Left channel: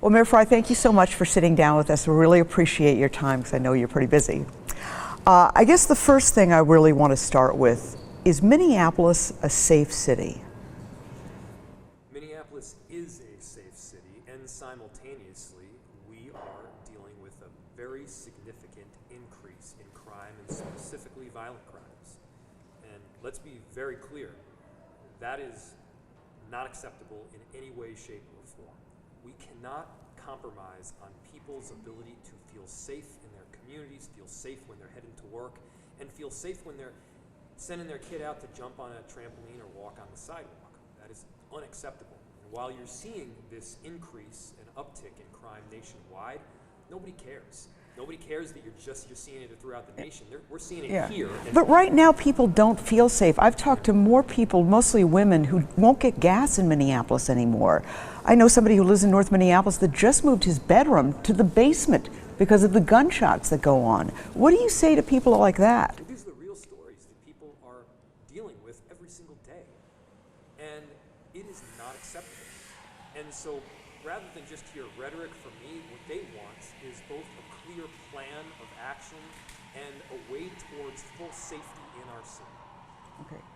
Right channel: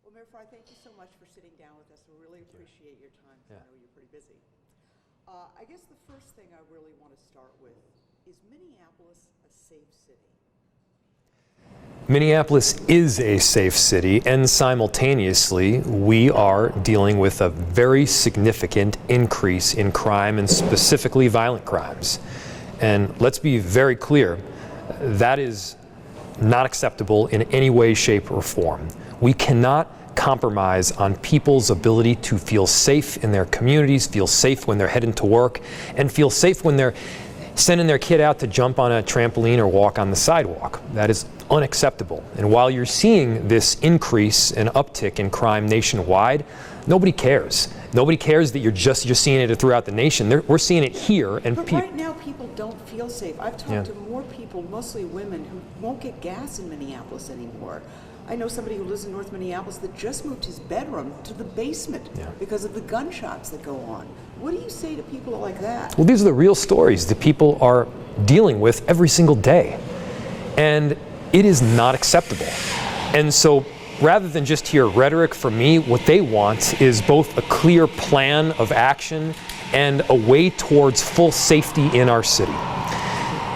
Well, Mayor Frey, thank you so much for sitting down with us. We really appreciate your time because I know you're pretty busy. I guess the first thing I really want to start with is Minneapolis a safe city? Minneapolis is a safe city, and simultaneously we are dealing with a very significant increase in crime, and specifically violent crimes. And let's be very clear, that is not acceptable in any way, shape, or form. We cannot compromise on people's ability to feel safe in their communities, feel safe when they're heading to work, and feel safe when they're sending their kid out to jump on a trampoline or walk on the sidewalk. That is unacceptable. And while you're seeing this increase and uptick in crime nationwide, nobody cares. Nobody cares that you're seeing it throughout the nation. We're seeing it here. And but right now, people don't feel safe. I've talked to more people, mostly women, who won't get gas in Minneapolis anymore. I know somebody who lives in North Minneapolis that just moved his bedroom to the basement because of the gunshots that go on. What do you say to people like that? Well, these are the real stories that people are dealing with every single day. And it is not acceptable. And so rather than just hear rhetoric from me, what they want is both a clear plan of action and a way towards full safety in our city.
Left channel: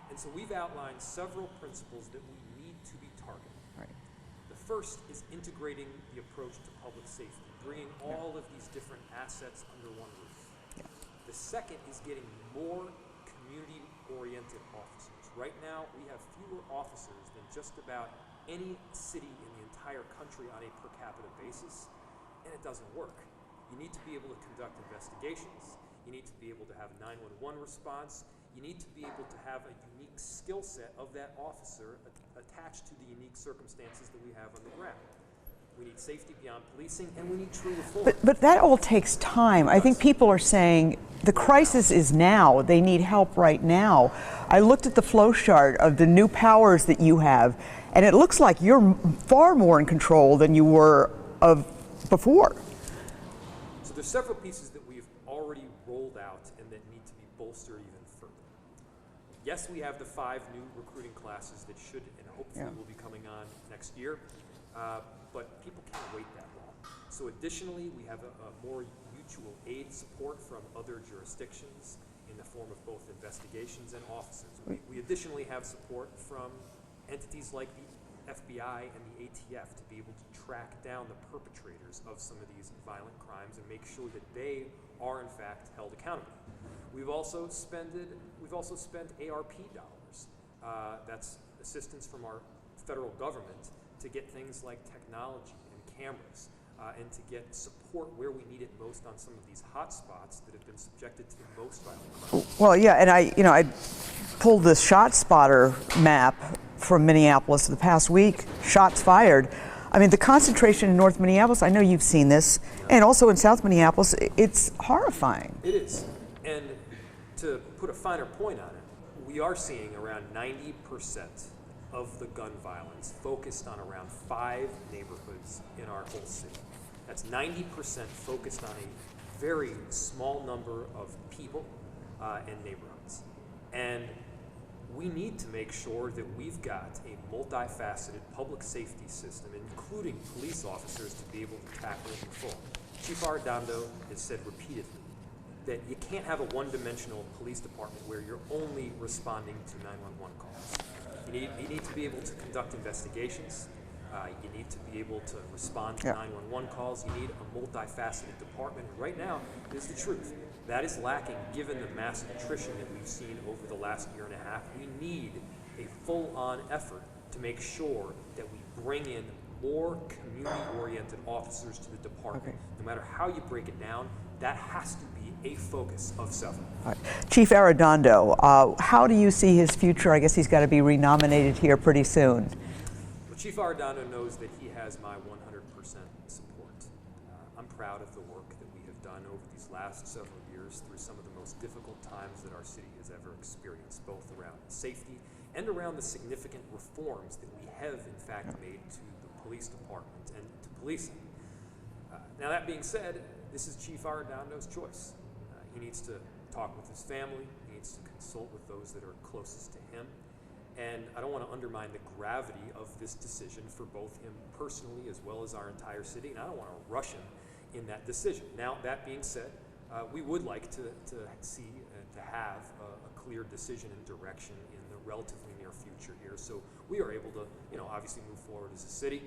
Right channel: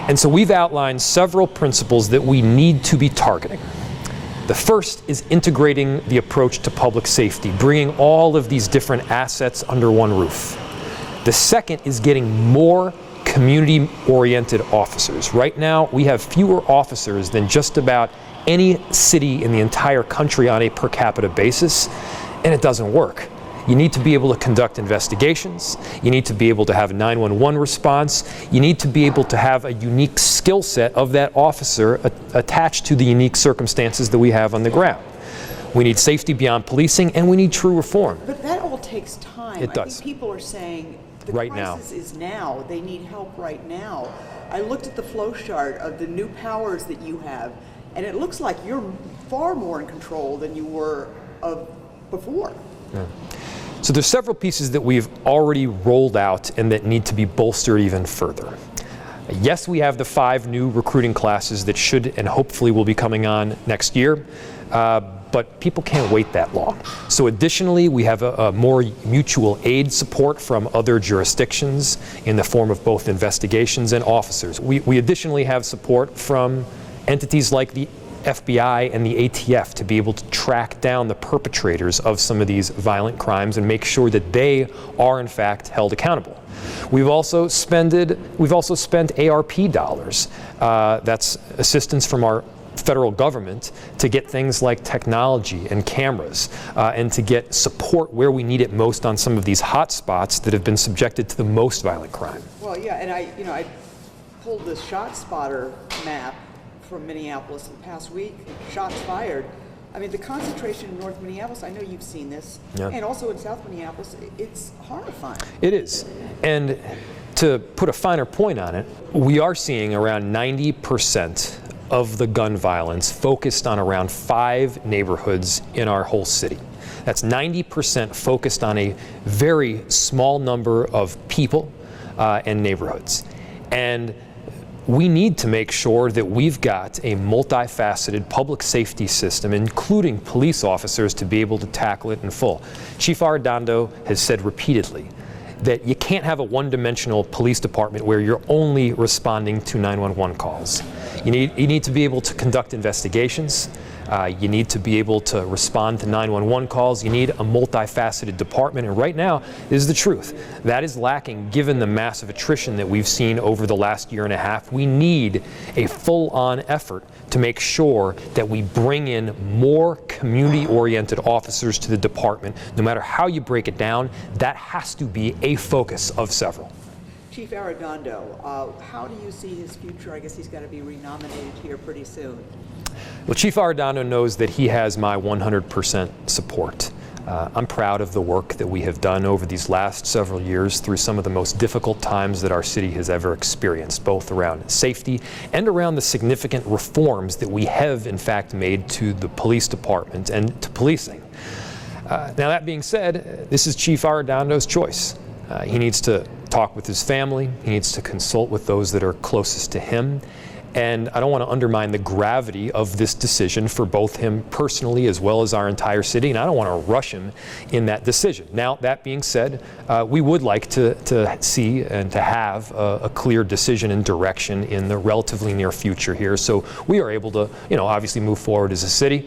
And so we've outlined several principles that we need to be targeting. The first is integrating the approach to public safety, bringing all of these different assets under one roof. The second is getting more community-oriented officers. Right now, we have fewer officers than just about any city in the entire country on a per capita basis, and it doesn't work. You need to be able to conduct investigations. You need to be able to have a 911 response. You need to be able to have a unique skill set of that officer attached to the unique circumstances that we have on the ground. We need safety beyond policing, and we need true reform. But that all takes time. I think people are saying the crisis is now. They need help right now. I looked at the flow chart of the new powers that you have, and it looks like you're far more in control than you were of before. Yeah. So there's several pieces that we've already rolled out and that need to be bolstered even further. Yes, we have the 5 new recruiting classes that should and hopefully will be coming on next year, but people can't wait that long. So additionally, we have a more mutual aid support from other jurisdictions in the form of both investigations and officers. We additionally have support from entities like the FBI and the ATF to be able to track down the perpetrators of some of these violent crimes and make sure that they are in fact held accountable. We've also spent ARP dollars. That's assistance from our federal government to get things like technology and cameras and to get support where we need it most on some of these hot spots that have been subjected to the most violent crime. Well, yeah, and I pulled this shot spotter map from Minneapolis the past week, shots fired. I mean, the concentration in North Minneapolis, I know you've seen this, and also in South Minneapolis, it's horrifying. It is. And to put a finer point on it, we are seeing around 90% of the gun violence focused on around 5 neighborhoods in our whole city. That's 90% focused on a very small number of people and neighborhoods. And we need to make sure that we've got a multifaceted public safety system, including police officers, to be able to tackle it in full. Chief Arredondo has said repeatedly that you can't have a one-dimensional police department where you're only responding to 911 calls. You need to be able to conduct investigations. You need to be able to respond to 911 calls. You need a multifaceted department, and right now, this is the truth. That is lacking given the massive attrition that we've seen over the last year and a half. We need a full-on effort to make sure that we bring in more community-oriented officers to the department. No matter how you break it down, that has to be a focus of several. Right. Chief Arredondo, how do you see his future? I guess he's got to be renominated here pretty soon. Well, Chief Arredondo knows that he has my 100% support. I'm proud of the work that we have done over these last several years through some of the most difficult times that our city has ever experienced, both around safety and around the significant reforms that we have, in fact, made to the police department and to policing. Now, that being said, this is Chief Arredondo's choice. He needs to talk with his family. He needs to consult with those that are closest to him. And I don't want to undermine the gravity of this decision for both him personally as well as our entire city, and I don't want to rush him in that decision. Now, that being said, we would like to see and to have a clear decision and direction in the relatively near future here, so we are able to, obviously move forward as a city.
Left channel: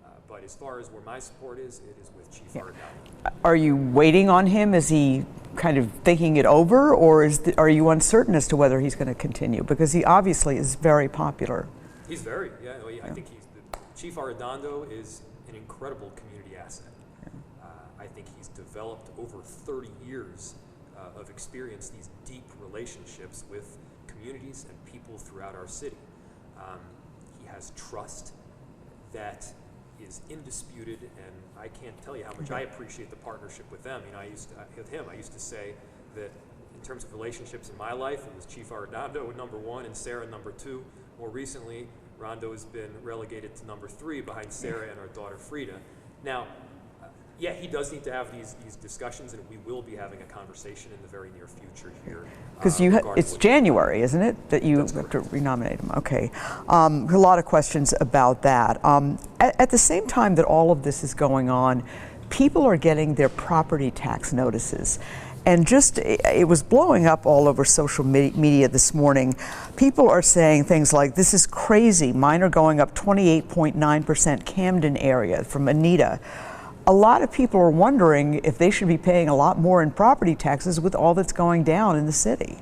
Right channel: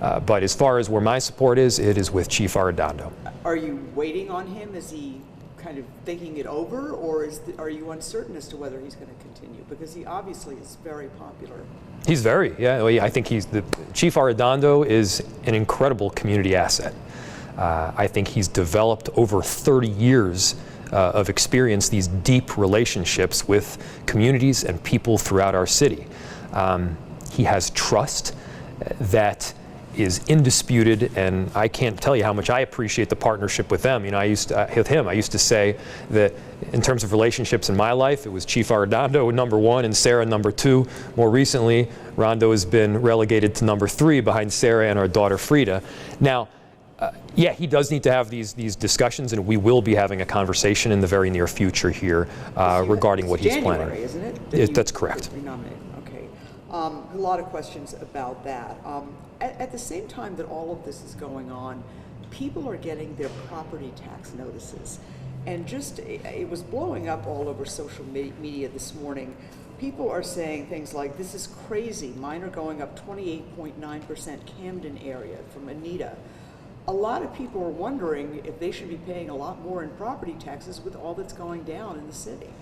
But as far as where my support is, it is with Chief Arredondo. Are you waiting on him? Is he kind of thinking it over, or are you uncertain as to whether he's going to continue? Because he obviously is very popular. He's very, I think Chief Arredondo is an incredible community asset. I think he's developed over 30 years of experience, these deep relationships with communities and people throughout our city. He has trust that is indisputed, and I can't tell you how much I appreciate the partnership with them. I used to say that in terms of relationships in my life, it was Chief Arredondo number 1 and Sarah number 2. More recently, Rondo has been relegated to number 3 behind Sarah and our daughter Frida. Now, yeah, he does need to have these discussions, and we will be having a conversation in the very near future here regarding what he's planning. It's January, isn't it? That's correct. Renominate him. Okay. A lot of questions about that. At the same time that all of this is going on, people are getting their property tax notices. And it was blowing up all over social media this morning. People are saying things like, this is crazy. Mine are going up 28.9% Camden area from Anita. A lot of people are wondering if they should be paying a lot more in property taxes with all that's going down in the city.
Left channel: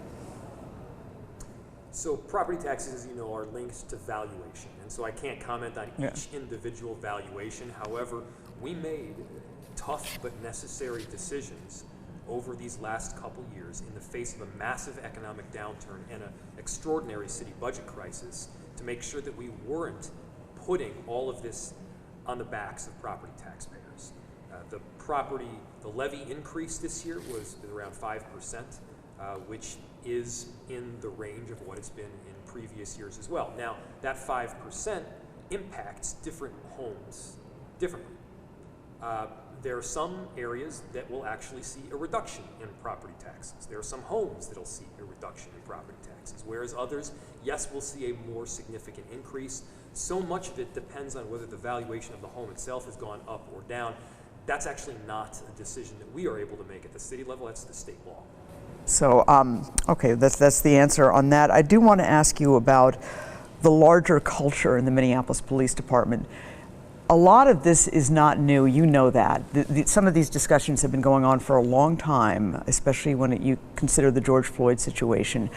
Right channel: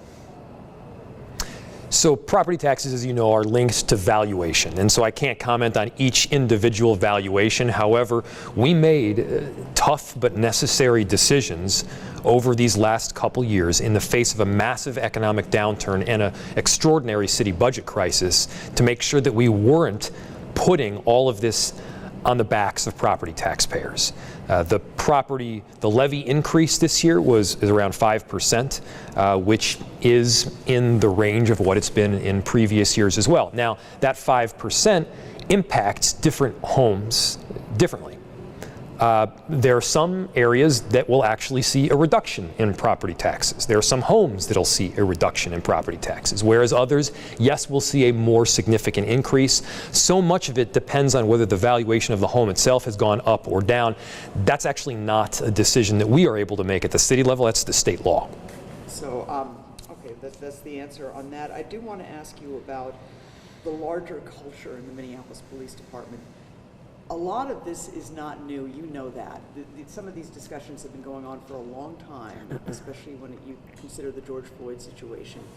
So property taxes, as you know, are linked to valuation, and so I can't comment on each individual valuation. However, we made tough but necessary decisions over these last couple years in the face of a massive economic downturn and an extraordinary city budget crisis to make sure that we weren't putting all of this on the backs of property taxpayers. The levy increase this year is around 5%, which is in the range of what it's been in previous years as well. Now, that 5% impacts different homes differently. There are some areas that will actually see a reduction in property taxes. There are some homes that'll see a reduction in property taxes, whereas others, yes, will see a more significant increase. So much of it depends on whether the valuation of the home itself has gone up or down. That's actually not a decision that we are able to make at the city level. That's the state law. So, okay, that's the answer on that. I do want to ask you about the larger culture in the Minneapolis Police Department. A lot of this is not new, you know that. Some of these discussions have been going on for a long time, especially when you consider the George Floyd situation.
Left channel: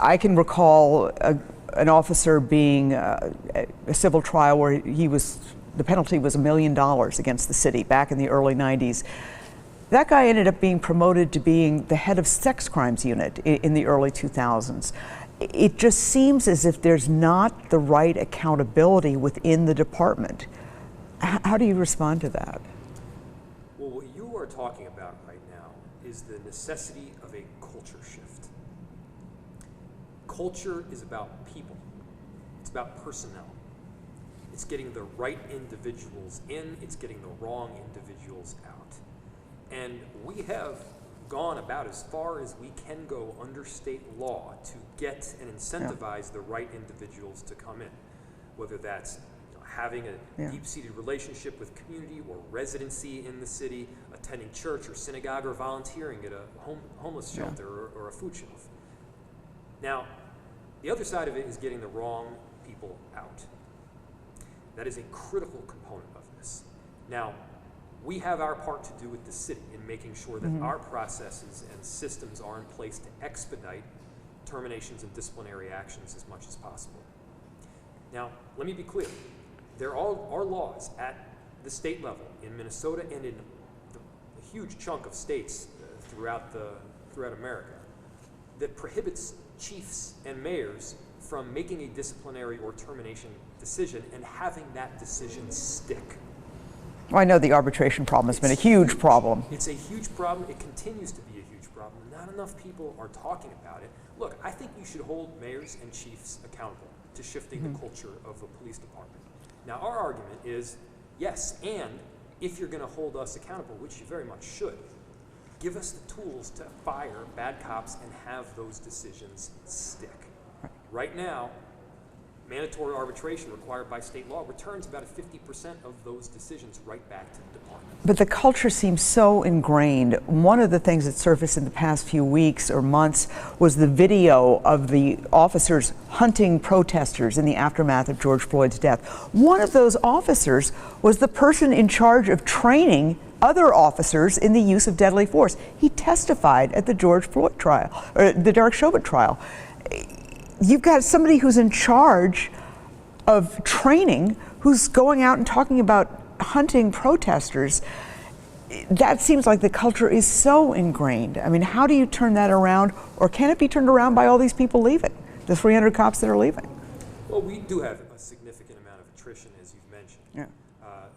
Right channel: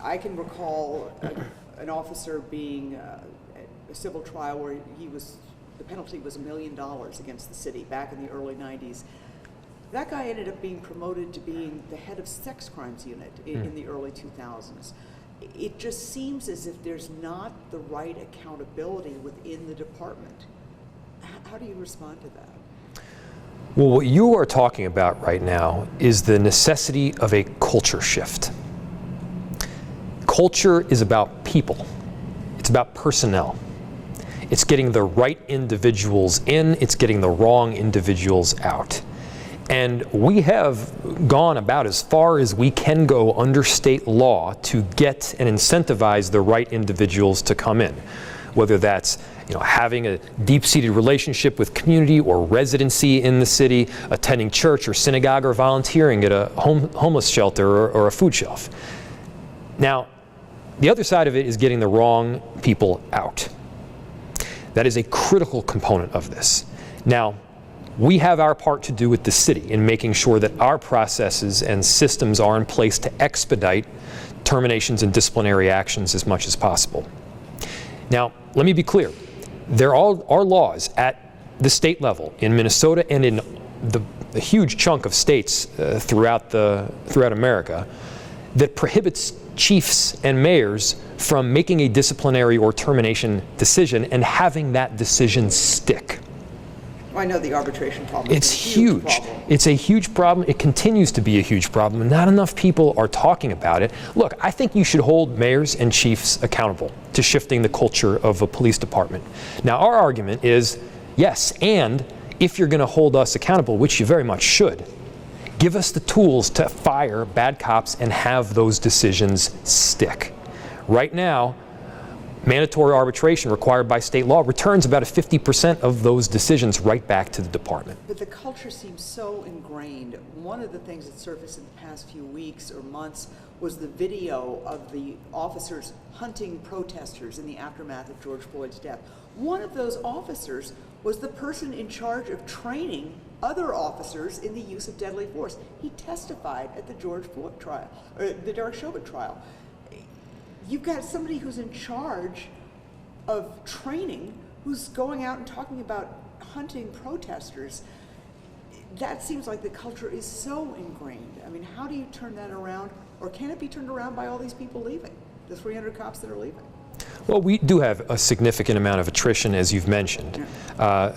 I can recall an officer being a civil trial where the penalty was $1 million against the city back in the early 90s. That guy ended up being promoted to being the head of sex crimes unit in the early 2000s. It just seems as if there's not the right accountability within the department. How do you respond to that? Well, what you are talking about right now is the necessity of a culture shift. Culture is about people. It's about personnel. It's getting the right individuals in, it's getting the wrong individuals out. And we have gone about as far as we can go under state law to get and incentivize the right individuals to come in, whether that's having a deep-seated relationship with community or residency in the city, attending church or synagogue, or volunteering at a homeless shelter or a food shelf. Now, the other side of it is getting the wrong people out. That is a critical component of this. Now, we have our part to do with the city in making sure that our processes and systems are in place to expedite terminations and disciplinary actions as much as possible. Now, let me be clear. There are laws at the state level in Minnesota and in the huge chunk of states throughout America that prohibits chiefs and mayors from making a disciplinary or termination decision and having that decision stick. I know the arbitration problem has been a huge problem. It's a huge problem. It continues to be a huge problem, and not enough people are talking about it. Look, I think you should hold mayors and chiefs accountable to shifting the culture of a police department. Now, our argument is, yes, and if you're going to hold us accountable, which you very much should, give us the tools to fire bad cops and have those decisions stick. Right now, mandatory arbitration required by state law returns about 50% of those decisions right back to the department. But the culture seems so ingrained. One of the things that surfaced in the past few weeks or months was the video of the officers hunting protesters in the aftermath of George Floyd's death. One of those officers was the person in charge of training other officers in the use of deadly force. He testified at the George Floyd trial, or the Derek Chauvin trial. You've got somebody who's in charge of training, who's going out and talking about hunting protesters. That seems like the culture is so ingrained. I mean, how do you turn that around, or can it be turned around by all these people leaving, the 300 cops that are leaving? Well, we do have a significant amount of attrition, as you've mentioned.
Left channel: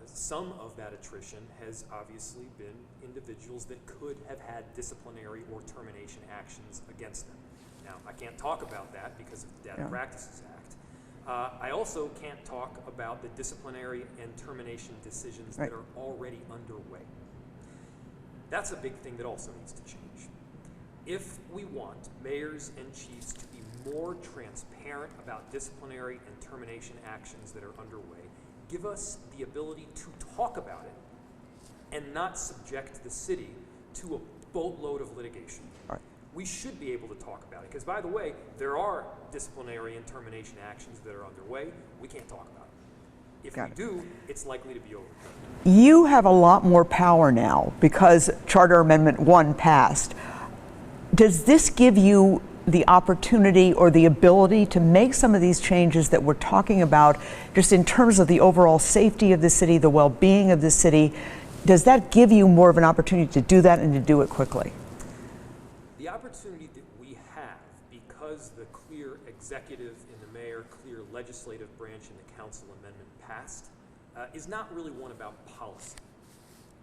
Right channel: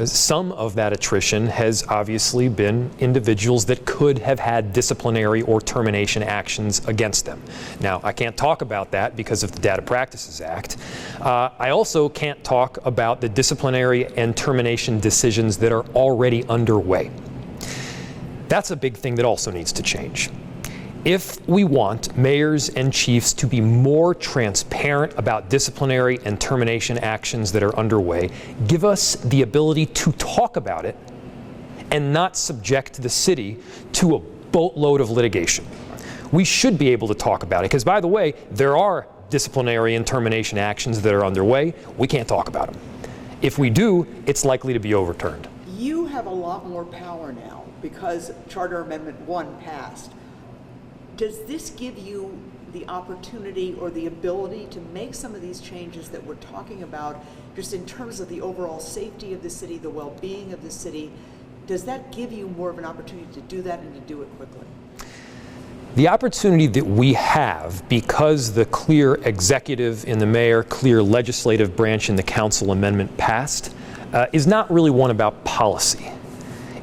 Some of that attrition has obviously been individuals that could have had disciplinary or termination actions against them. Now, I can't talk about that because of the Data Practices Act. I also can't talk about the disciplinary and termination decisions that are already underway. That's a big thing that also needs to change. If we want mayors and chiefs to be more transparent about disciplinary and termination actions that are underway, give us the ability to talk about it and not subject the city to a boatload of litigation. We should be able to talk about it because, by the way, there are disciplinary and termination actions that are underway. We can't talk about them. If we do, it's likely to be overturned. You have a lot more power now because Charter Amendment 1 passed. Does this give you the opportunity or the ability to make some of these changes that we're talking about just in terms of the overall safety of the city, the well-being of the city? Does that give you more of an opportunity to do that and to do it quickly? The opportunity that we have, because the clear executive in the mayor, clear legislative branch in the council amendment passed, is not really one about policy.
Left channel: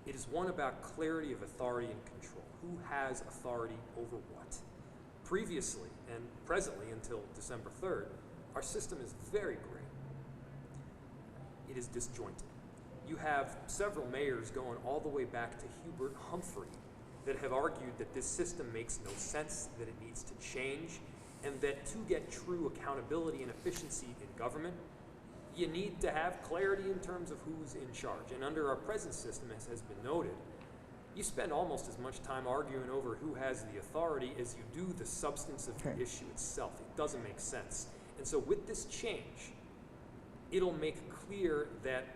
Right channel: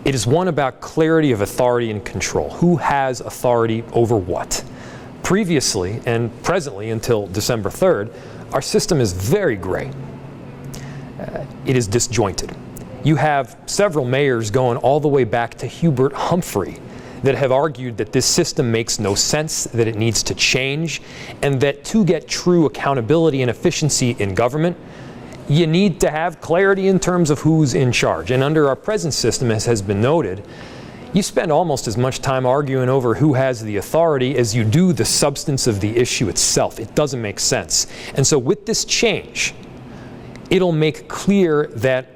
It is one about clarity of authority and control. Who has authority over what? Previously and presently until December 3rd, our system is very gray. It is disjointed. You have several mayors going all the way back to Hubert Humphrey that have argued that this system makes no sense, that it needs to change, and that to get true accountability and efficiency in government, you need to have clarity in terms of who's in charge. And under our present system, as has been noted, you spend almost as much time arguing over who has the authority as you do the substance of the issue itself. It doesn't make sense. And so with this change, it'll make clear that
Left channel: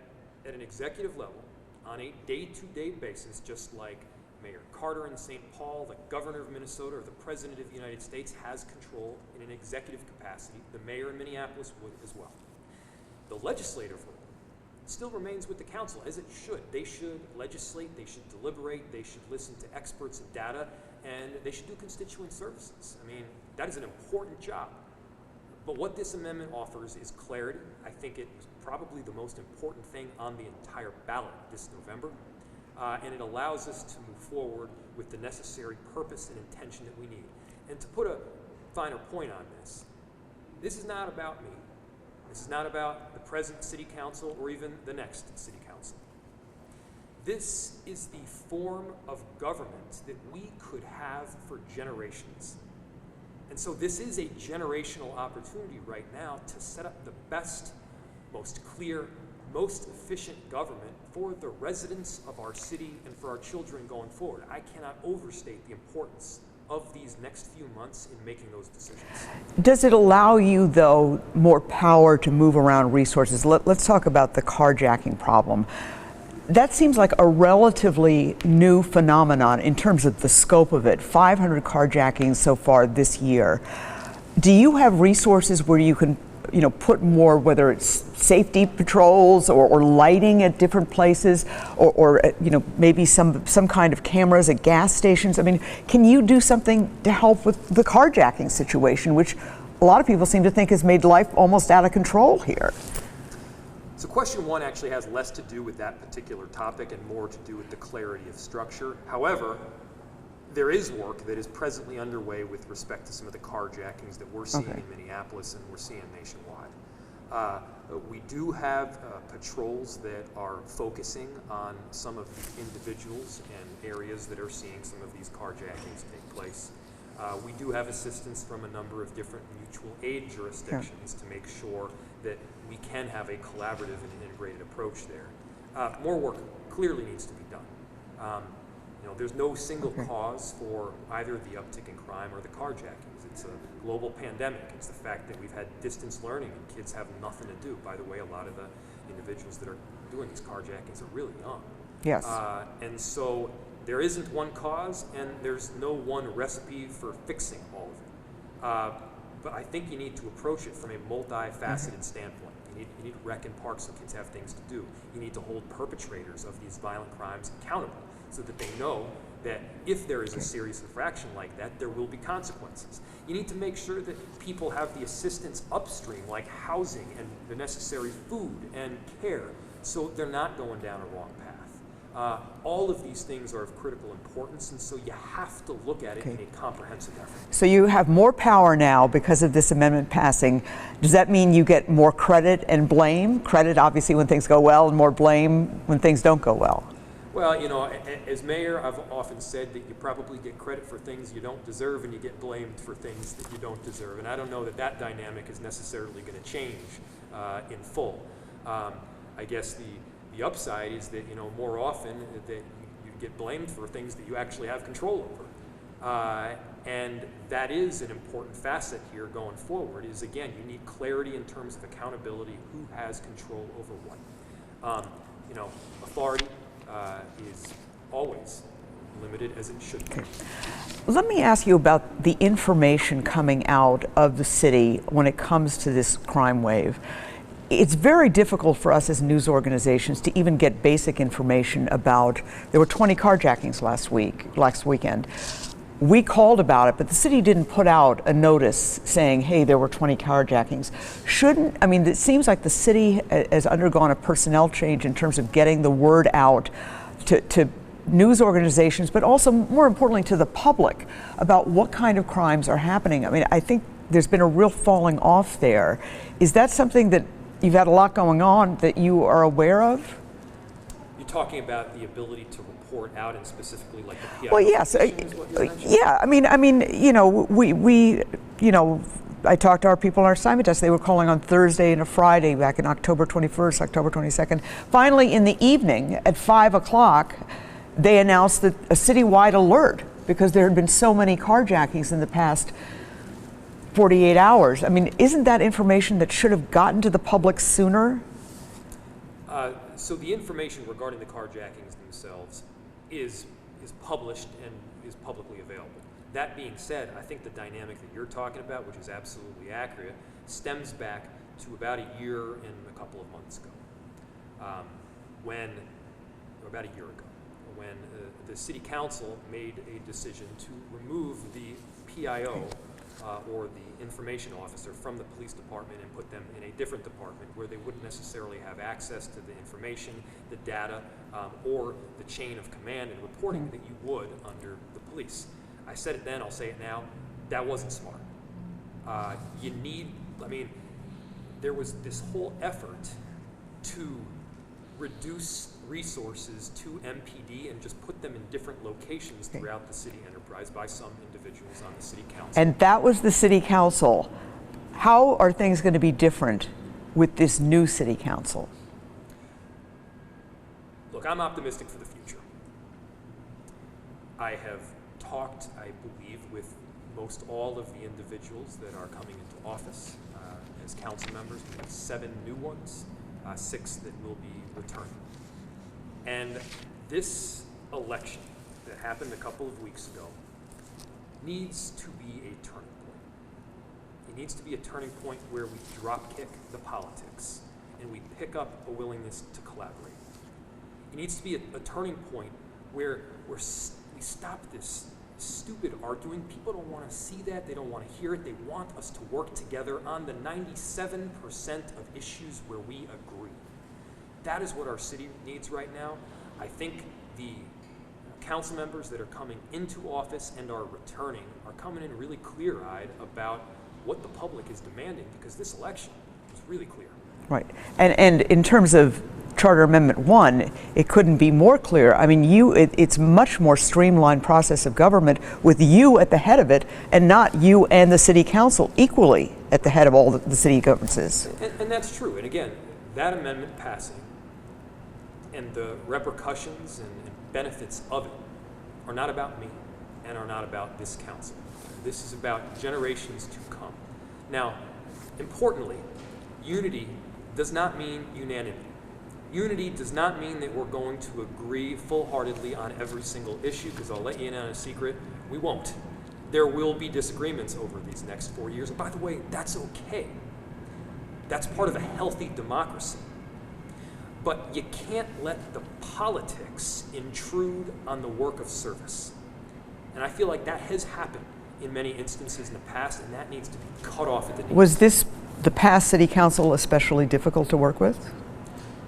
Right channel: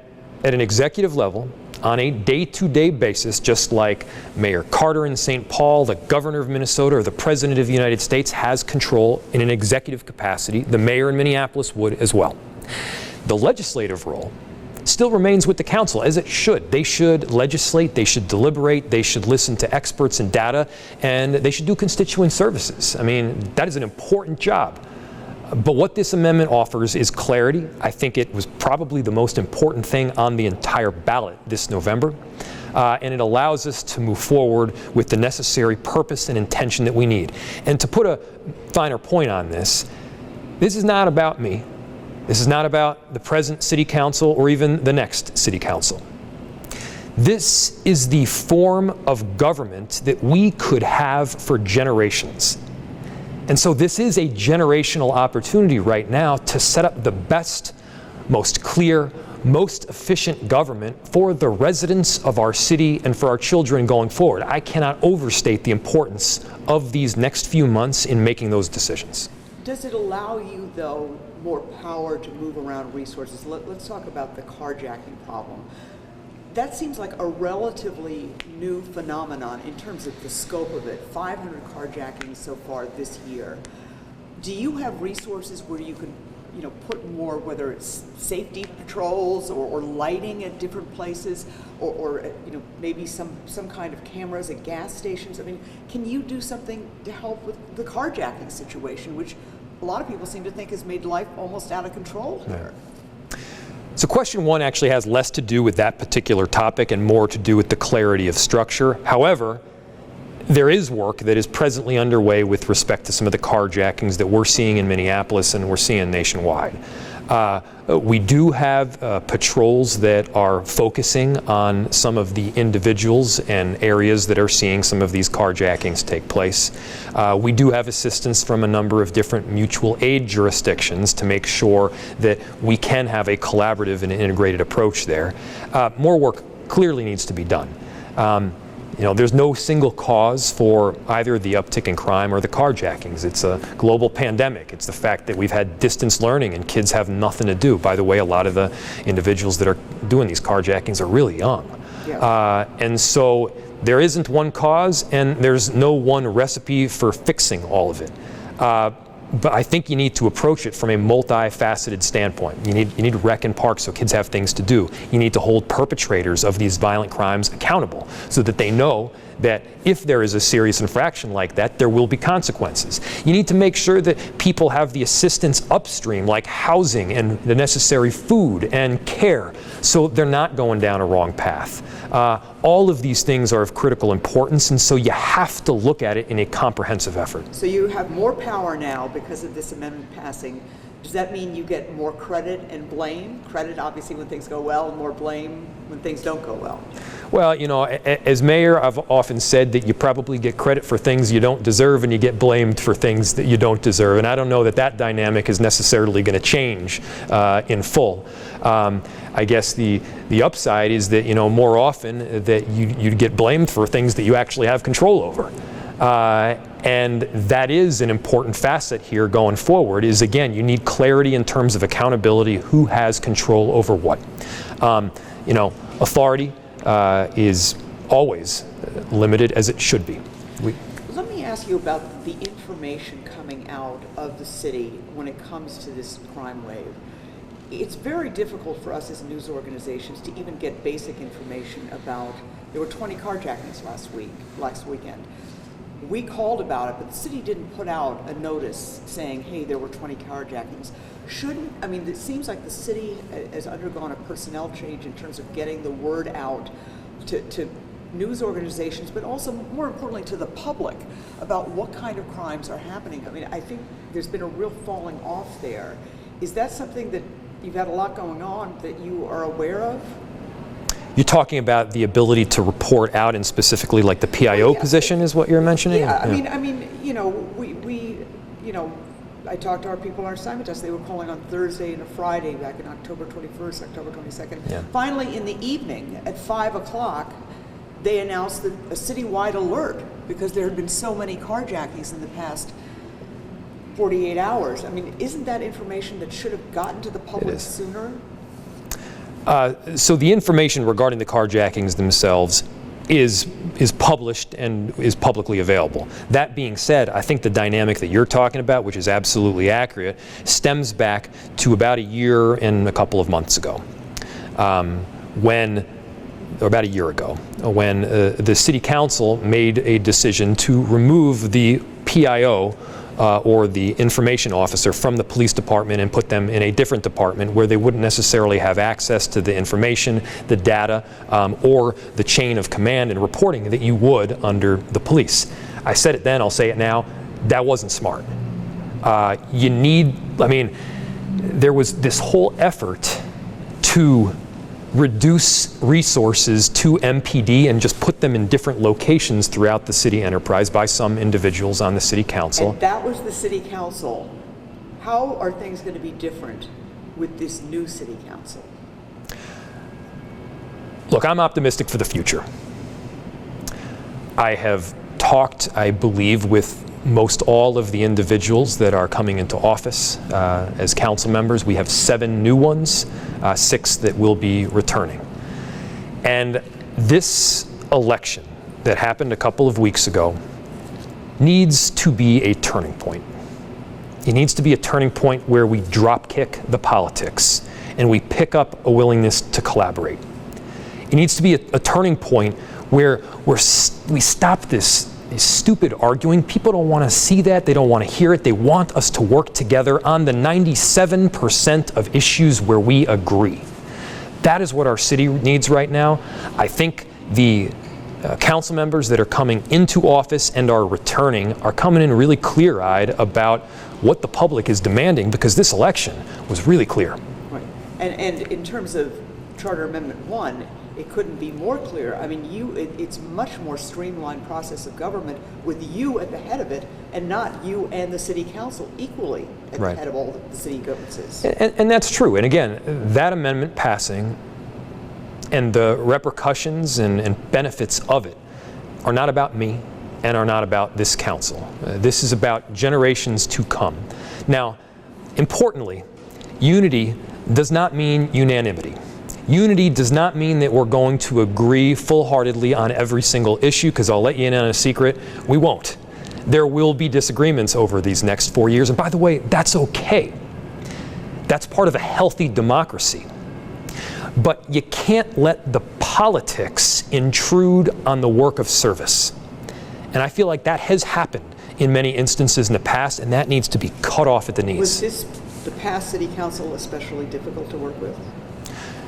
at an executive level, on a day-to-day basis, just like Mayor Carter in St. Paul, the governor of Minnesota, or the president of the United States has control in an executive capacity, the mayor in Minneapolis would as well. The legislative role still remains with the council, as it should. They should legislate, they should deliberate, they should listen to experts and data, and they should do constituent services. I mean, that is an important job. But what this amendment offers is clarity. I think it was probably the most important thing on the entire ballot this November. And it allows us to move forward with the necessary purpose and intention that we need. And to put a finer point on this is not about me. This is not about the present city council or even the next city council. This is the form of government that we could have for generations. And so this is a generational opportunity right now to set up the best, most clear, most efficient government for the residents of our city and for our children going forward. I cannot overstate the importance of these next few months in making those decisions. Does it allow you, though, more power to move around resources? Let's talk about the carjacking problem. That seems like a relatively new phenomenon in terms of the scope of it. 500 carjackings so far this year. Do you have resources where you can, put more, whether it's safety patrols or lighting at different places, or maybe some kind of cameras at gas stations? I mean, can you do something to help with the carjacking situation, which a lot of people seem to think has made life almost out of control here? So question one actually has less to do with that particular topic and more to do with the clarity of structure. However, there is work that is presently underway with respect to some of the carjackings that we're seeing in Minneapolis and we're seeing nationwide. We do have patrols that are focusing on some of the individuals and areas that are seeing some of these carjackings take place. We do have assistance from a number of different mutual aid jurisdictions to make sure that we can have a collaborative and integrated approach there. More work clearly needs to be done. You know, there's no single cause for either the uptick in crime or the carjackings. It's a global pandemic. It's the fact that we've had distance learning and kids have nothing to do. By the way, a lot of the individuals that are doing these carjackings are really young. Yes. And so there isn't one cause and there's no one recipe for fixing all of it. But I think you need to approach it from a multifaceted standpoint. You need to rec and park so kids have things to do. You need to hold perpetrators of these violent crimes accountable so that they know that if there is a serious infraction like that, there will be consequences. You need to make sure that people have the assistance upstream, like housing and the necessary food and care, so they're not going down a wrong path. All of these things are of critical importance, and so you have to look at it in a comprehensive effort. So you have more power now because of this amendment passing. Does that mean you get more credit and blame? Credit, obviously, when things go well, and more blame when things don't go well. Well, you know, as mayor, I've often said that you probably get credit for things you don't deserve and you get blamed for things that you don't deserve. And I don't know that that dynamic is necessarily going to change in full. I guess the upside is that, you know, more often that you get blamed for things that you actually have control over. And that is an important facet here going forward, is, again, you need clarity in terms of accountability, who has control over what. You know, authority is always limited, as it should be. Let me ask you about the information coming out of the city when it comes to this crime wave. It's very difficult for us as news organizations to even get basic information about, there were 20 carjackings last weekend. We called about it, but the city didn't put out a notice saying, hey, there were 20 carjackings. I mean, it seems like the city has undergone a personnel change in terms of getting the word out to news organizations, but also, more importantly, to the public about what kind of crimes are happening. I mean, I think there's been a real falling off there. Is that something that you've had a lot going on that you are aware of? You're talking about the ability to report out, and specifically like the PIO position is what you're mentioning? Yeah, I mean, you know, I talked to our people on our assignment desk. They were calling on Thursday and a Friday back in October 21st, October 22nd. Yeah. Finally, in the evening at 5 o'clock, they announced that a citywide alert because there had been so many carjackings in the past 48 hours. I mean, isn't that information that should have gotten to the public sooner? So the information regarding the carjackings themselves is published and is publicly available. That being said, I think the dynamic that you're talking about, which is absolutely accurate, stems back to about a year and a couple of months ago, or about a year ago, when the city council made a decision to remove the PIO or the information officer from the police department and put them in a different department where they wouldn't necessarily have access to the information, the data, or the chain of command and reporting that you would under the police. I said it then, I'll say it now, that wasn't smart. You need, I mean, there was this whole effort to reduce resources to MPD and just put them in different locations throughout the city enterprise by some individuals on the city council. And that was the city council. How are things going to be different with this new city council? Look, I'm optimistic for the future. I have talked, I believe, with most all of the individuals that are coming into office as council members. We have 7 new ones, 6 that will be returning. And this election that happened a couple of weeks ago needs to be a turning point. It needs to be a turning point where we drop kick the politics and we pick up a willingness to collaborate. It needs to be a turning point where we stop this stupid arguing. People don't want to see that. They don't want to hear it. They want us to work together on the 97% of issues where we agree. That is what our city needs right now. I think the council members that are coming into office and are returning are coming in really clear-eyed about what the public is demanding, because this election was really clear. Right. And in terms of Charter Amendment 1, it couldn't be more clear. I mean, it's much more streamlined process of government with you at the head of it, and not you and the city council equally at the head of all the city governances. And that's true. And again, that amendment passing and the repercussions and benefits of it are not about me and are not about this council. This is about generations to come. Now, importantly, unity does not mean unanimity. Unity does not mean that we're going to agree full-heartedly on every single issue, because I'll let you in on a secret, we won't. There will be disagreements over these next 4 years, and by the way, that's okay. That's part of a healthy democracy. But you can't let the politics intrude on the work of service. And I feel like that has happened in many instances in the past, and that needs to be cut off at the knees. Was the past city council especially difficult to work with?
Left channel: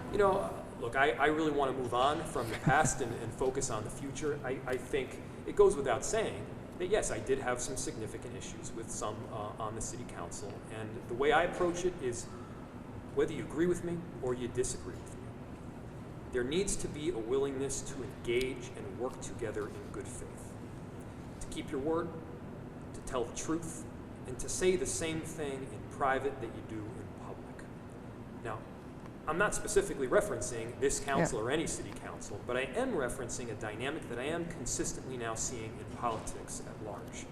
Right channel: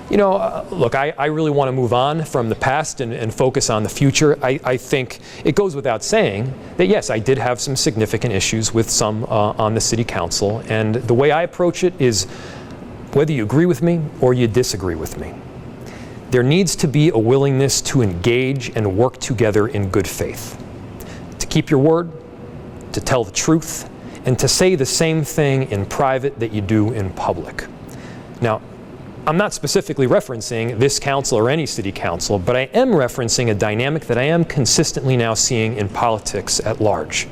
You know, look, I really want to move on from the past and focus on the future. I think it goes without saying that, yes, I did have some significant issues with some on the city council. And the way I approach it is, whether you agree with me or you disagree with me, there needs to be a willingness to engage and work together in good faith. To keep your word, to tell the truth, and to say the same thing in private that you do in public. Now, I'm not specifically referencing this council or any city council, but I am referencing a dynamic that I am consistently now seeing in politics at large.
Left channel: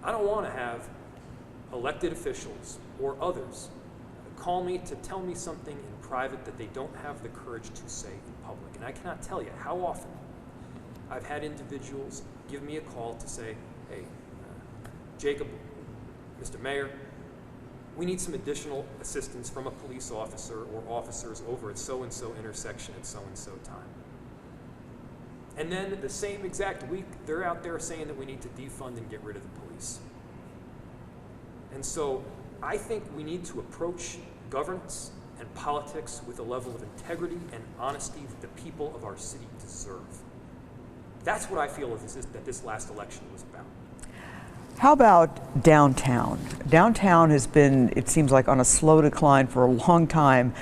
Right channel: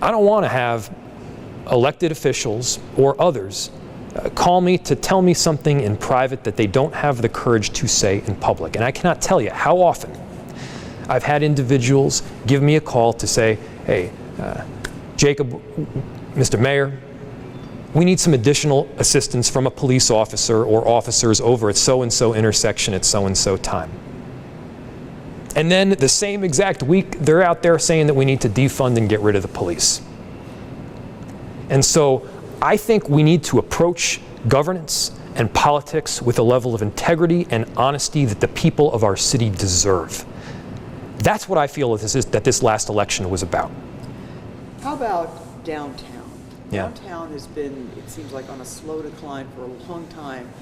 I don't want to have elected officials or others call me to tell me something in private that they don't have the courage to say in public. And I cannot tell you how often I've had individuals give me a call to say, hey, Jacob, Mr. Mayor, we need some additional assistance from a police officer or officers over at so-and-so intersection at so-and-so time. And then the same exact week, they're out there saying that we need to defund and get rid of the police. And so I think we need to approach governance and politics with a level of integrity and honesty that the people of our city deserve. That's what I feel that this last election was about. How about downtown? Downtown has been, it seems like, on a slow decline for a long time,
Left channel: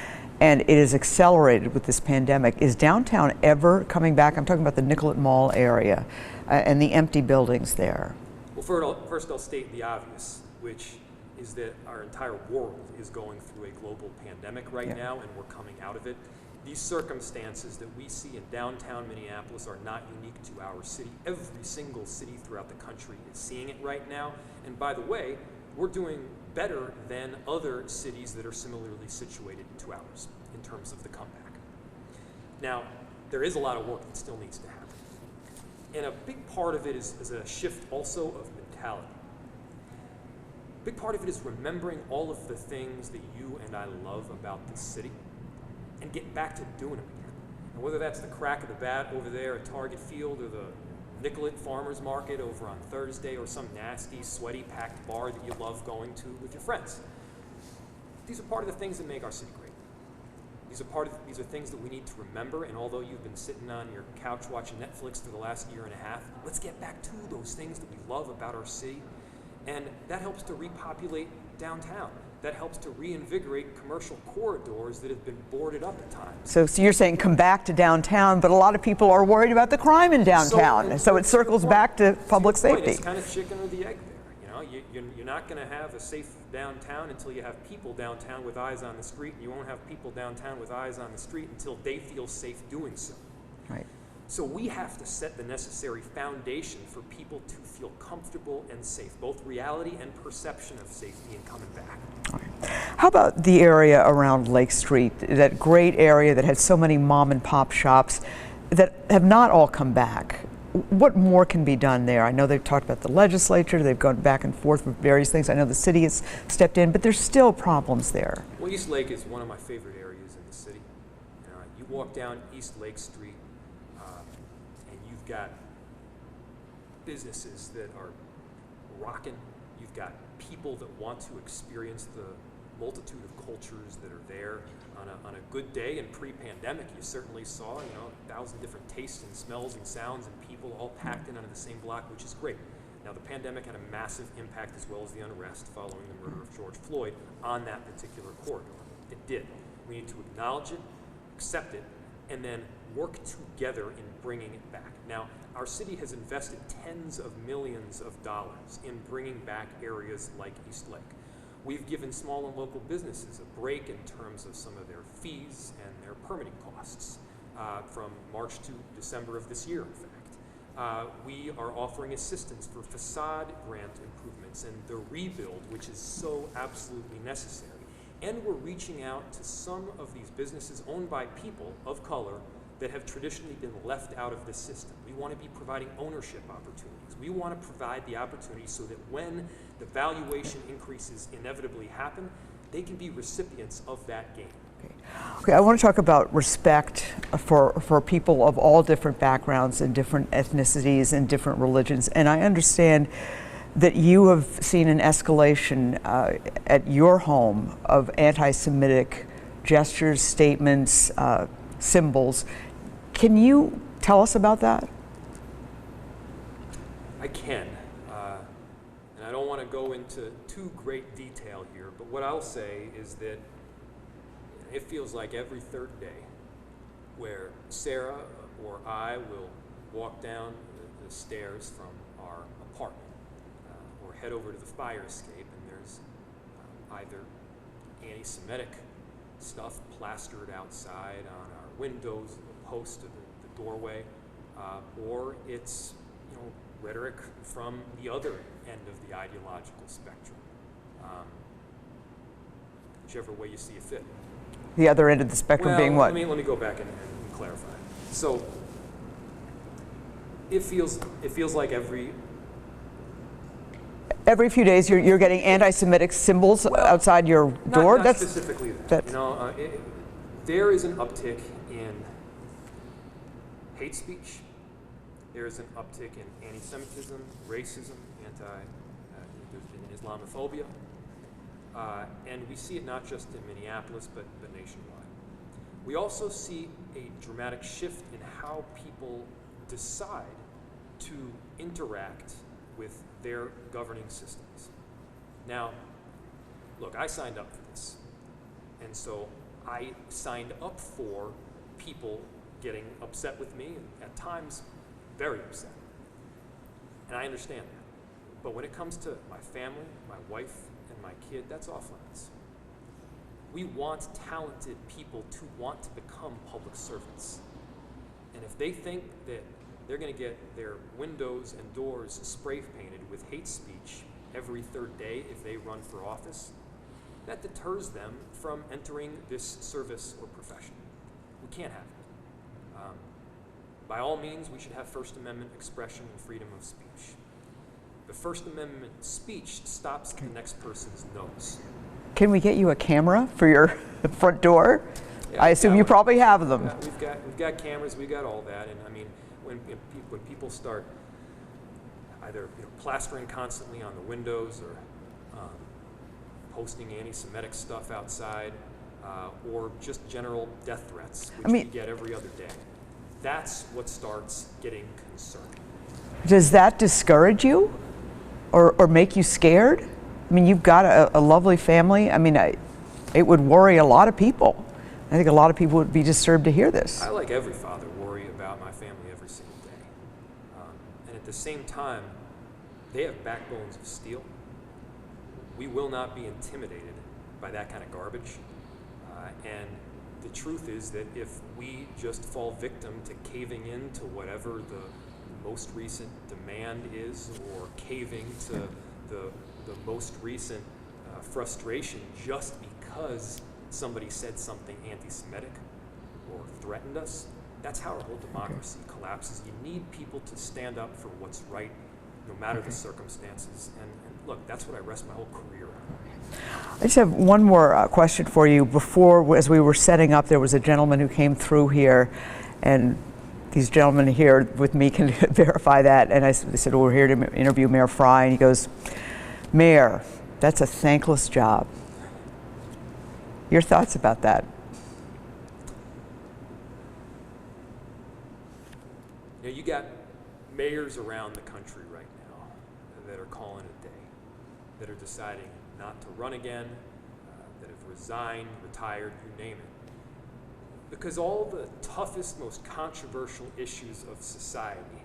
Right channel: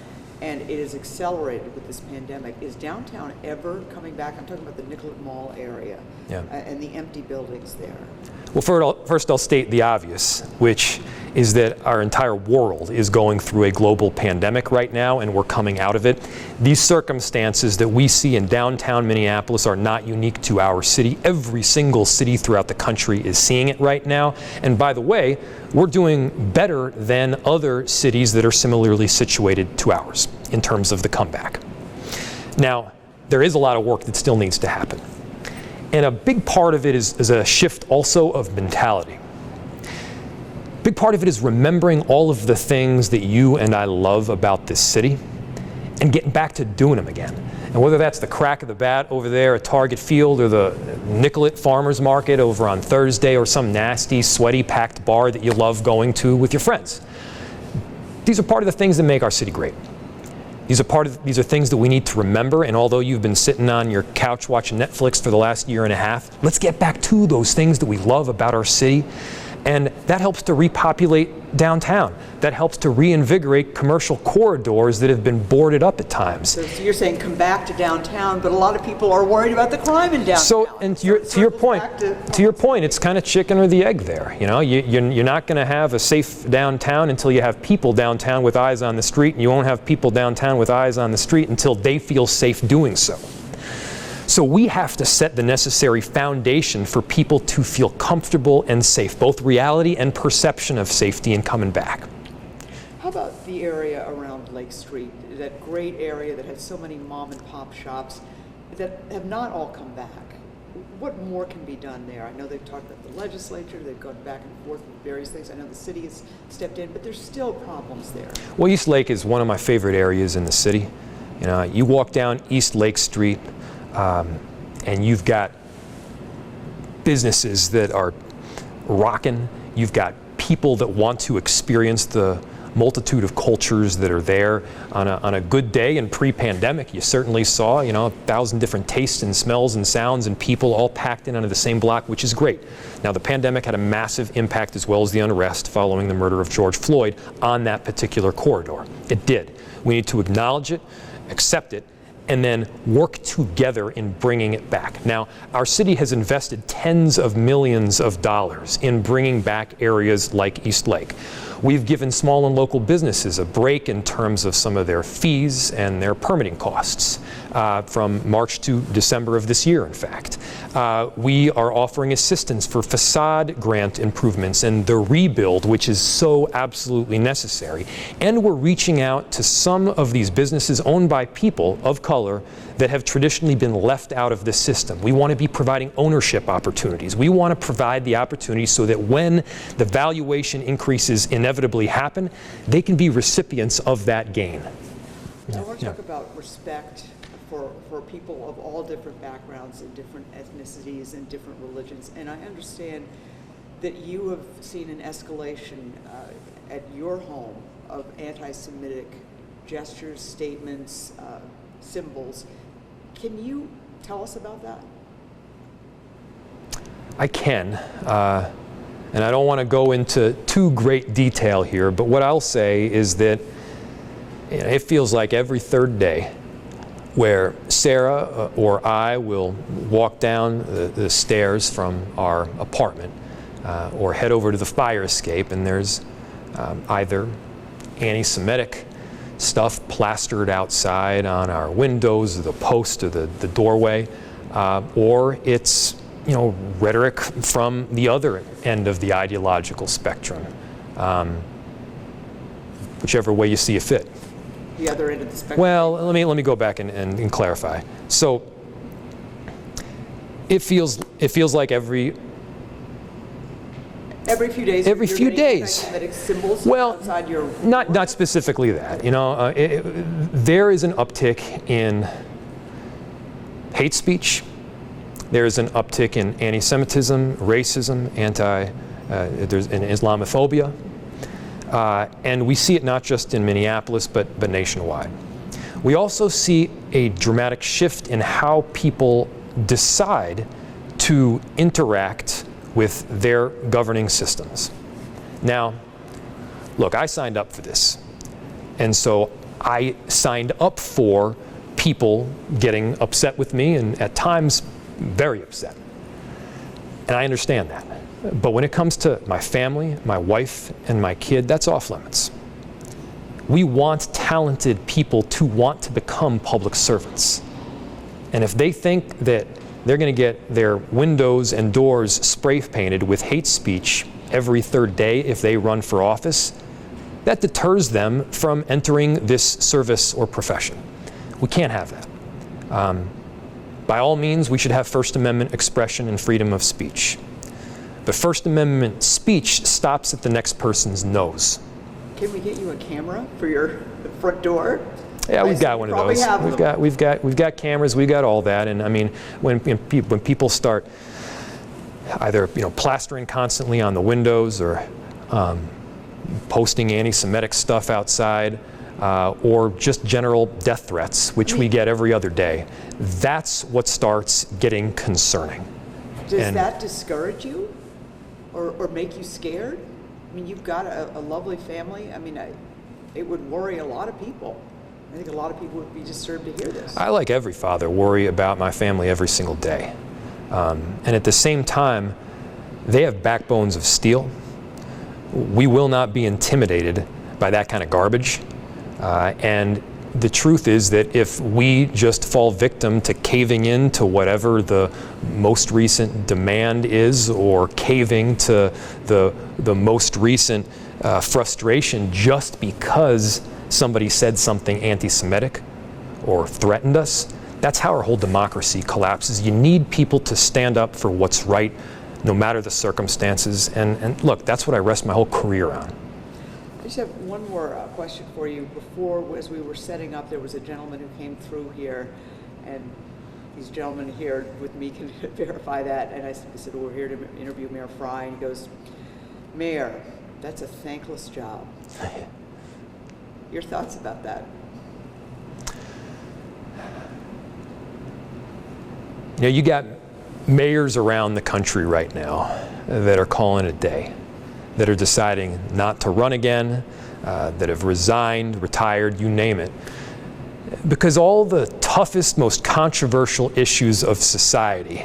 and it has accelerated with this pandemic. Is downtown ever coming back? I'm talking about the Nicollet Mall area and the empty buildings there. Well, first I'll state the obvious, which is that our entire world is going through a global pandemic right now, and we're coming out of it. These circumstances that we see in downtown Minneapolis are not unique to our city. Every single city throughout the country is seeing it right now. And by the way, we're doing better than other cities that are similarly situated to ours in terms of the comeback. Now, there is a lot of work that still needs to happen. And a big part of it is a shift also of mentality. Big part of it is remembering all of the things that you and I love about this city and getting back to doing them again. And whether that's the crack of the bat over there at Target Field, or the Nicollet Farmers Market over on Thursday, or some nasty, sweaty, packed bar that you love going to with your friends. These are part of the things that make our city great. These are things that we need to remember, and although you've been sitting on your couch watching Netflix for the last year and a half, let's get back to those things that we love about our city. And that helps to repopulate downtown. That helps to reinvigorate commercial corridors that have been boarded up at times. So you're saying come back to downtown, but a lot of people are worried about the crime in downtown. So it circles back to public To your point, safety. it's kind of chicken or the egg there. You know, you're not going to have a safe downtown until you have people downtown with eyes on the street, and you won't have people downtown with eyes on the street until they feel safe doing so. So we have to set the necessary foundation for people to feel comfortable and safe, both reality and perception of safety and coming back. How about the area around Lake Street, that great area that had so many mom and pop shops that have not all come back? What more can be done there? I know they've talked about the legislature, they've gone back and forth with various things. I know the city has stepped in, but there's still problems there. Well, East Lake is one of my favorite areas in the city. You know, you walk down East Lake Street, and you've got businesses that are rocking. You've got people that want to experience the multitude of cultures that are there. On a good day in pre-pandemic, you certainly saw, 1,000 different tastes and smells and sounds and people all packed in under the same block, which is great. Now, the pandemic had a massive impact, as well as the unrest following the murder of George Floyd, on that particular corridor. It did. We need to acknowledge it, accept it, and then work together in bringing it back. Now, our city has invested tens of millions of dollars in bringing back areas like East Lake. We've given small and local businesses a break in terms of some of their fees and their permitting costs from March to December of this year, in fact. We are offering assistance for facade grant improvements and the rebuild, which is so absolutely necessary. And we're reaching out to some of these businesses owned by people of color that have traditionally been left out of this system. We want to be providing ownership opportunities. We want to provide the opportunities so that when the valuation increases inevitably happen, they can be recipients of that gain. Okay, I want to talk about respect for people of all different backgrounds and different ethnicities and different religions. And I understand that you have seen an escalation at your home of anti-Semitic gestures, statements, symbols. Can you tell us about that? I can, and I don't want to go into too great detail here, but what I'll say is that it feels like every third day where Sarah or I will walk down the stairs from our apartment or head over to the fire escape, and there's either anti-Semitic stuff plastered outside on our windows, or the post, or the doorway, or it's rhetoric from the other end of the ideological spectrum, whichever way you see it fit. The other end of the spectrum being what? Let me go back and clarify. So it feels like every few days you're getting anti-Semitic symbols outside your door? Not specifically that. There is an uptick in hate speech. There is an uptick in anti-Semitism, racism, there's an Islamophobia. And we see it not just in Minneapolis, but nationwide. We also see a dramatic shift in how people decide to interact with their governing systems. Now, look, I signed up for this. And so I signed up for people getting upset with me, and at times very upset. And I understand that. But when it comes to my family, my wife, and my kid, that's off limits. We want talented people to want to become public servants. And if they think that they're going to get their windows and doors spray painted with hate speech every third day if they run for office, that deters them from entering this service or profession. We can't have that. By all means, we should have First Amendment expression and freedom of speech. But First Amendment speech stops at the next person's nose. Can we get you a camera for your front door? Yeah, I assume you probably have them. We've got cameras. We've got all that. And I mean, when people start either plastering constantly on the windows or posting anti-Semitic stuff outside, or just general death threats, which we get every other day, that's what starts getting concerning. Does that discourage you, or make you scared? I mean, you've got a lovely family. I mean, it would worry a lot of people. I think a lot of people would be disturbed to hear this. I, like every father, worry about my family every single day. And at the same time, they have backbones of steel. We will not be intimidated by that kind of garbage. And the truth is that if we just fall victim to caving in to whatever the most recent demand is, or caving to the most recent frustration just because somebody said something anti-Semitic or threatened us, that's how our whole democracy collapses. You need people to stand up for what's right, no matter the circumstances. And look, that's what I rest my whole career on. I just have one more question for you. Before, as we were setting up, there was a gentleman who came through here, and these gentlemen here with me can verify that. And they said, well, we're here to interview Mayor Frey. And he goes, Mayor, that's a thankless job. Your thoughts about that? You know, you got mayors around the country right now that are calling it a day, that are deciding not to run again, that have resigned, retired, you name it. Because all the toughest, most controversial issues of society,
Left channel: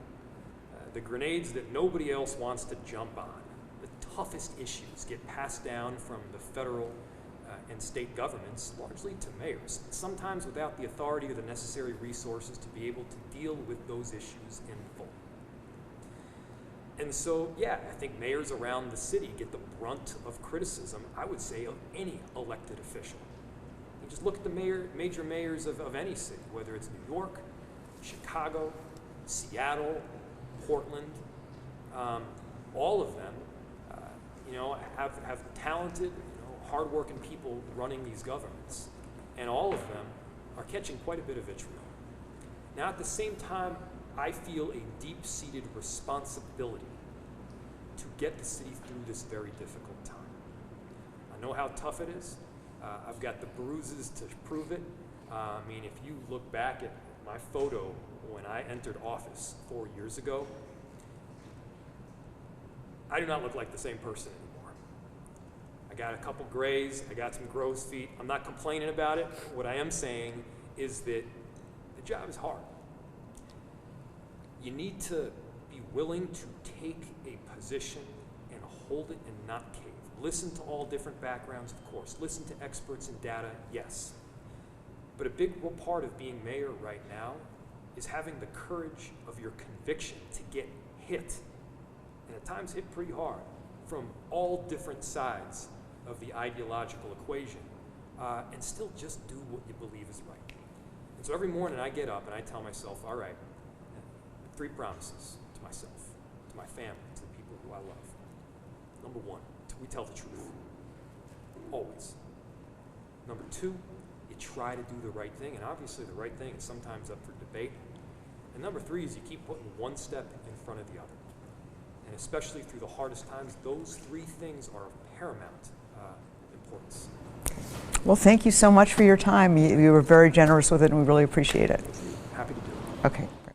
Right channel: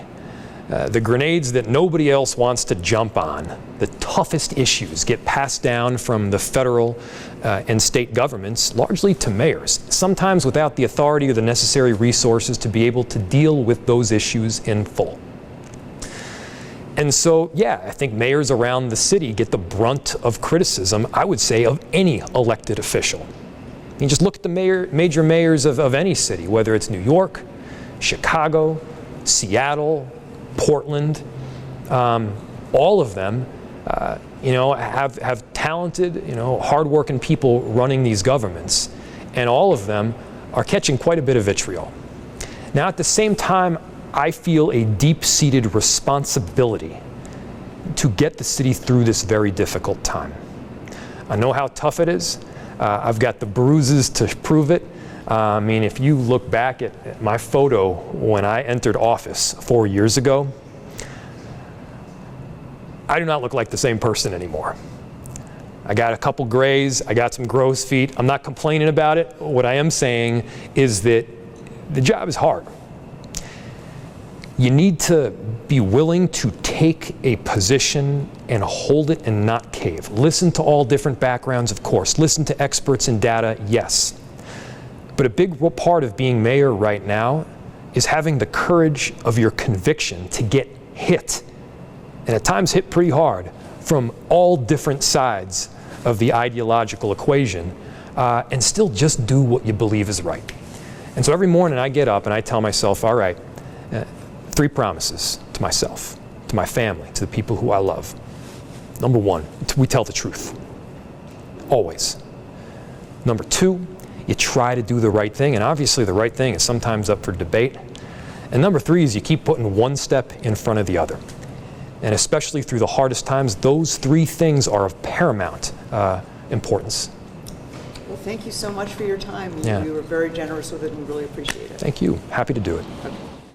the grenades that nobody else wants to jump on, the toughest issues get passed down from the federal and state governments, largely to mayors, sometimes without the authority or the necessary resources to be able to deal with those issues in full. And so, yeah, I think mayors around the city get the brunt of criticism, I would say, of any elected official. You just look at the major mayors of any city, whether it's New York, Chicago, Seattle, Portland, all of them, have talented, hardworking people running these governments, and all of them are catching quite a bit of vitriol. Now, at the same time, I feel a deep-seated responsibility to get the city through this very difficult time. I know how tough it is. I've got the bruises to prove it. I mean, if you look back at my photo when I entered office 4 years ago, I do not look like the same person anymore. I got a couple grays, I got some crow's feet. I'm not complaining about it. What I am saying is that the job is hard. You need to be willing to take a position and hold it and not cave. Listen to all different backgrounds, of course. Listen to experts and data, yes. But a big part of being mayor right now is having the courage of your conviction to get hit, and at times hit pretty hard, from all different sides of the ideological equation, and still just do what you believe is right. And so every morning I get up and I tell myself, all right, 3 promises to myself, to my family, to the people who I love. Number 1, we tell the truth, always. Number 2, you try to do the right thing, and obviously the right thing is sometimes up for debate. And number 3 is you keep putting one step in front of the other. And especially through the hardest times, those 3 things are of paramount importance. Well, thank you so much for your time. You were very generous with it, and we really appreciate it. Thank you. Happy to do it. Okay.